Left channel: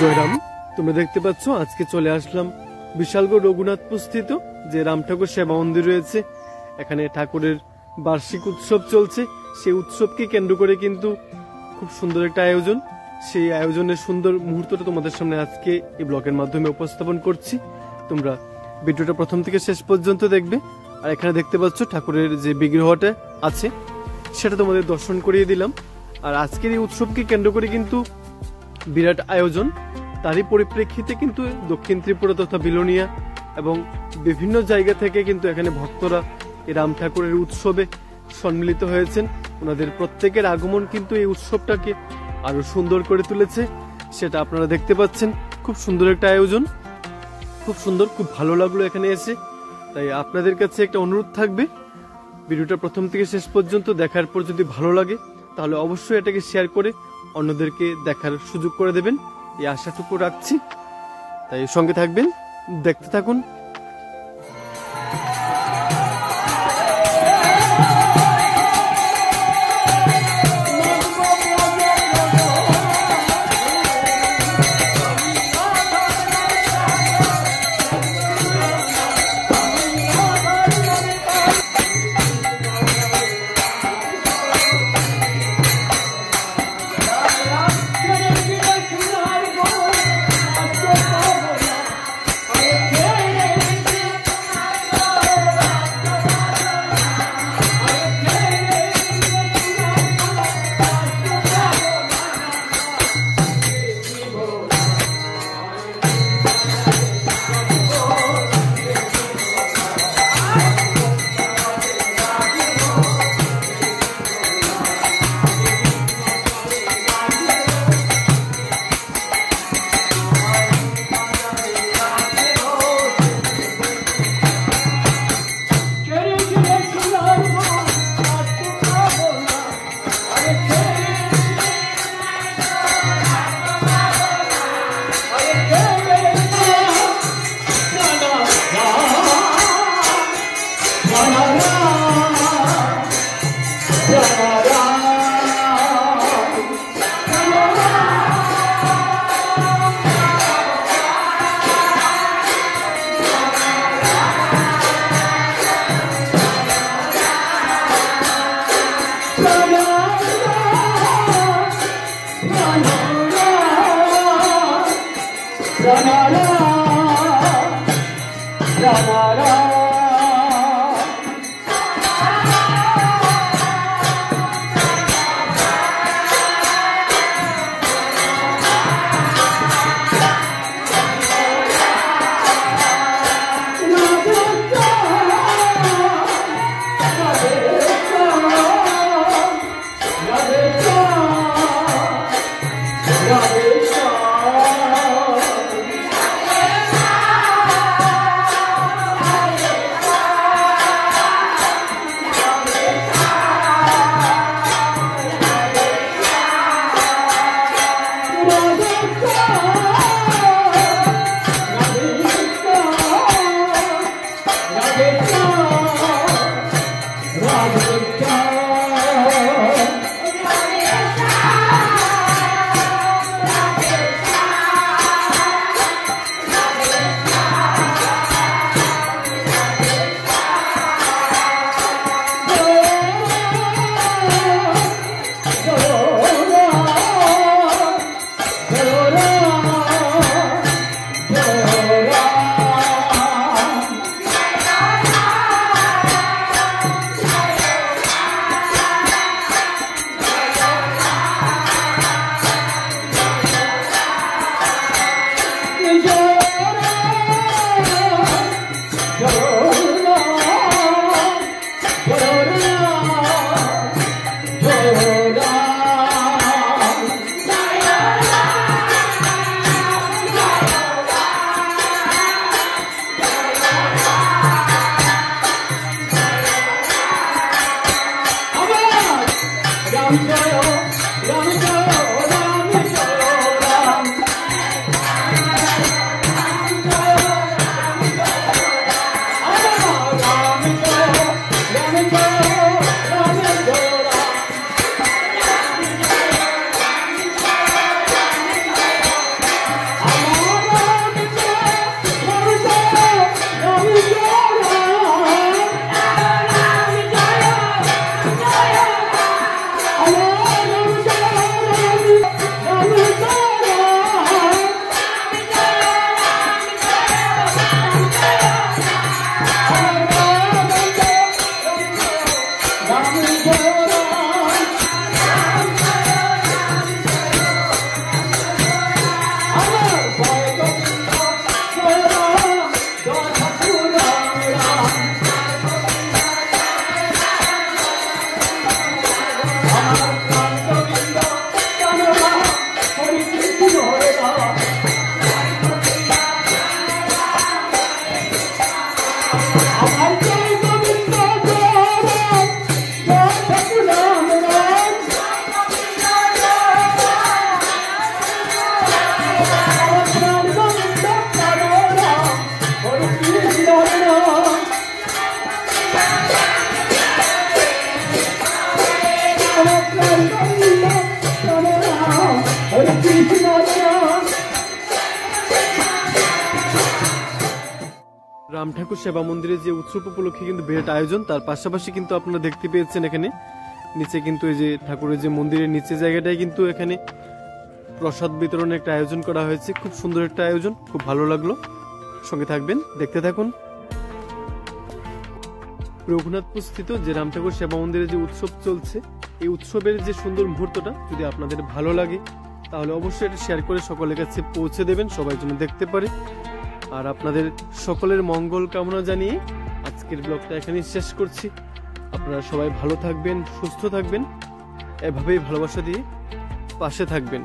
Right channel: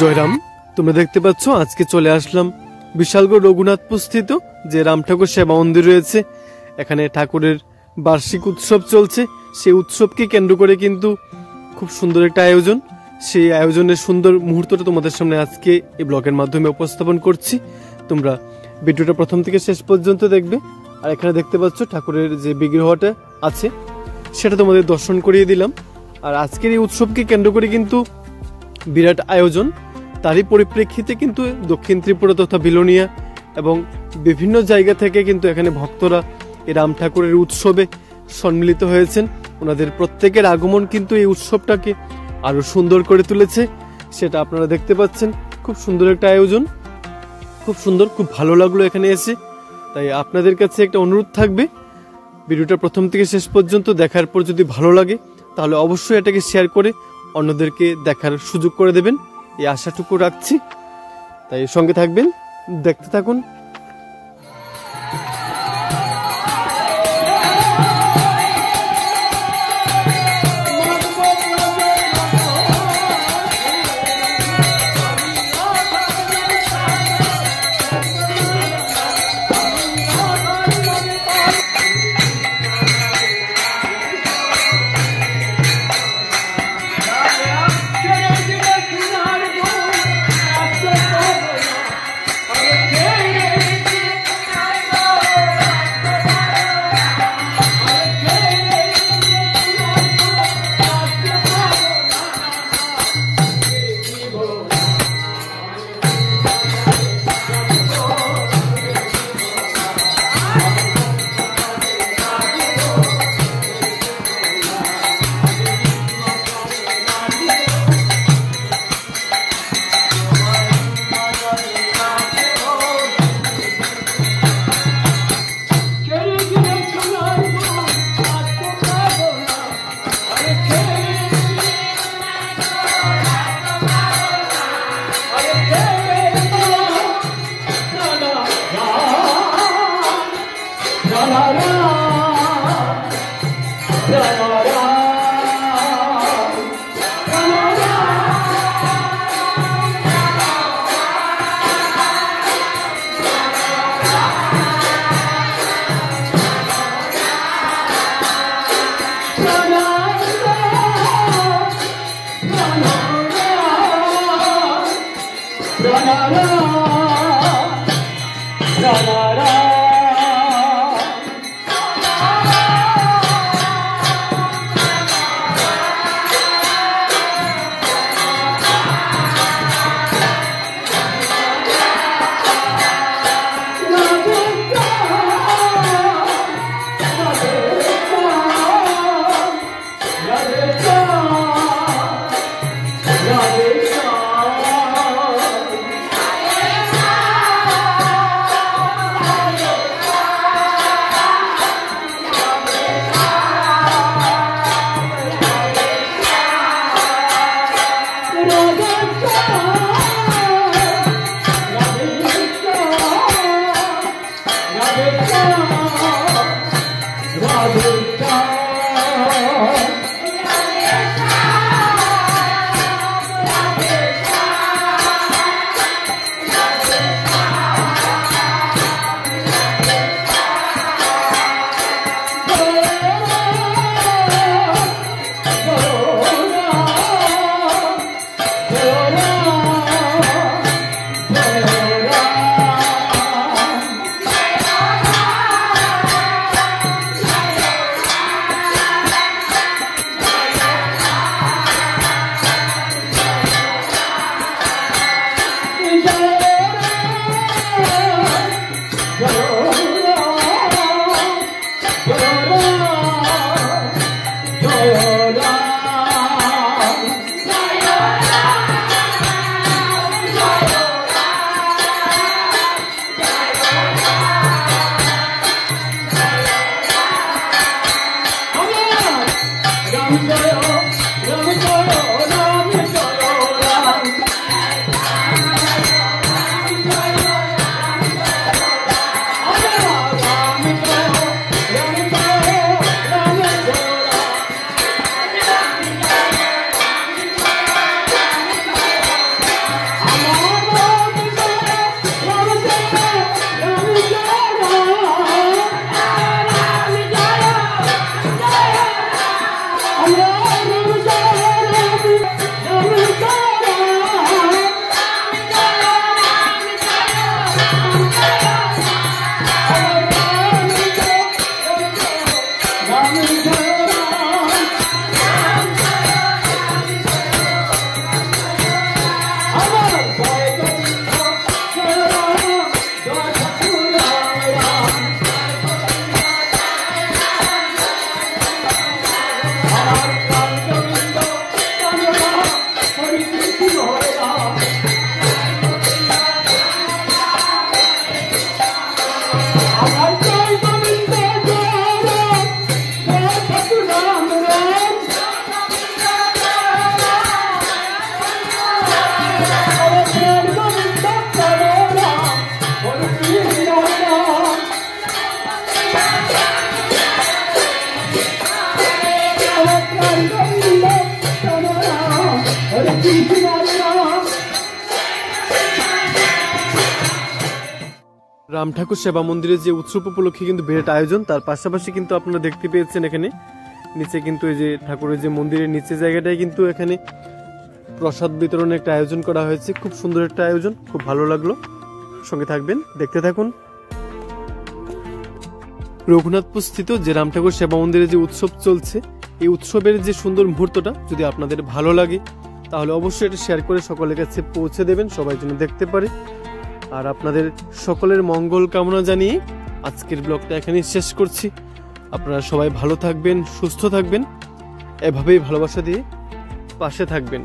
জয়রাম, তোমরা দেখতে পাচ্ছ আজকে চলে আসলাম বিশালগড় রঘুনাথপুর স্থিত যে রাম ঠাকুর সেবা মন্দির রয়েছে। এখানে ঠাকুরের বার্ষিক উৎসব চলছে। সেই উৎসবকে কেন্দ্র করে কিন্তু খুব সুন্দর একটা আয়োজন। সেই আয়োজনের সুন্দর মুহূর্তটা তোমাদের সামনে আজকে এই ব্লগের মাধ্যমে উপস্থাপন করছি। তোমরা ভিডিওটা প্রথম থেকে শেষ পর্যন্ত দেখবে। আর এখানে দেখতে পাচ্ছ ঠাকুরের যে বিগ্রহটা আছে সেটা তোমাদের দর্শন করিয়ে দিলাম। আর আজকের এই উৎসবকে কেন্দ্র করে কিন্তু বিরাট আয়োজন। তারই পরিপ্রেক্ষিতে কিন্তু দক্ষিণ ত্রিপুরা তথা বিলোনিয়া এবং বিভিন্ন জায়গা থেকে কিন্তু এখানে ভক্তরা এই রাম ঠাকুরের উৎসবে সম্মিলিত হয়েছেন। ওনাদের প্রত্যেকের আগমন কিন্তু এই উৎসবটাকে আরো সুন্দর করে তুলেছে, সেটা আপনারা দেখতে পাচ্ছেন। খুব সুন্দর একটা আয়োজন, খুব সুন্দর, খুব ভালো লাগলো এখানে এসে। তাই আপনাদের কাছে একটা অনুরোধ থাকবে, ভিডিওটা প্রথম থেকে শেষ পর্যন্ত দেখার পর যদি ভালো লাগে তাহলে অবশ্যই এটাকে শেয়ার করে অন্যদেরকে দেখার সুযোগ করে দেবেন, এই আশাটুকু রাখছি। তাই সঙ্গে থাকবেন, দেখতে থাকুন। রাম ঠাকুর সেবা মন্দিরে যে উৎসব উপলক্ষে কিন্তু বিরাট আয়োজন, তার পাশাপাশি কিন্তু আপনারা দেখতে পেয়েছেন এখানে নিচে কিন্তু এই যে ঠাকুরের যে মন্দিরের নিচে জায়গাটায় কিন্তু এখানে প্রসাদ বিতরণের একটা আয়োজন করা হয়েছে। খুব সুন্দর একটা আয়োজন, খুব ভালো লাগলো। সঙ্গে থাকবেন, দেখতে থাকুন। রঘুনাথপুর স্থিত যে রাম ঠাকুর সেবা মন্দিরে যে উৎসব চলছে, এই উৎসবের যে সুন্দর মুহূর্তটা যদি আপনাদের ভালো লাগে তাহলে অবশ্যই এটা শেয়ার করে সকলের কাছে পৌঁছে দেবেন, সবাই যেন দেখতে পারে। আর আপনাদের সকলের মঙ্গল কামনা জানিয়ে আজকের ব্লগটা এখানেই শেষ করছি। আপনারা সবাই ভালো থাকবেন, সুস্থ থাকবেন, এভাবেই ভালোবাসা দিয়ে পাশে থাকবেন।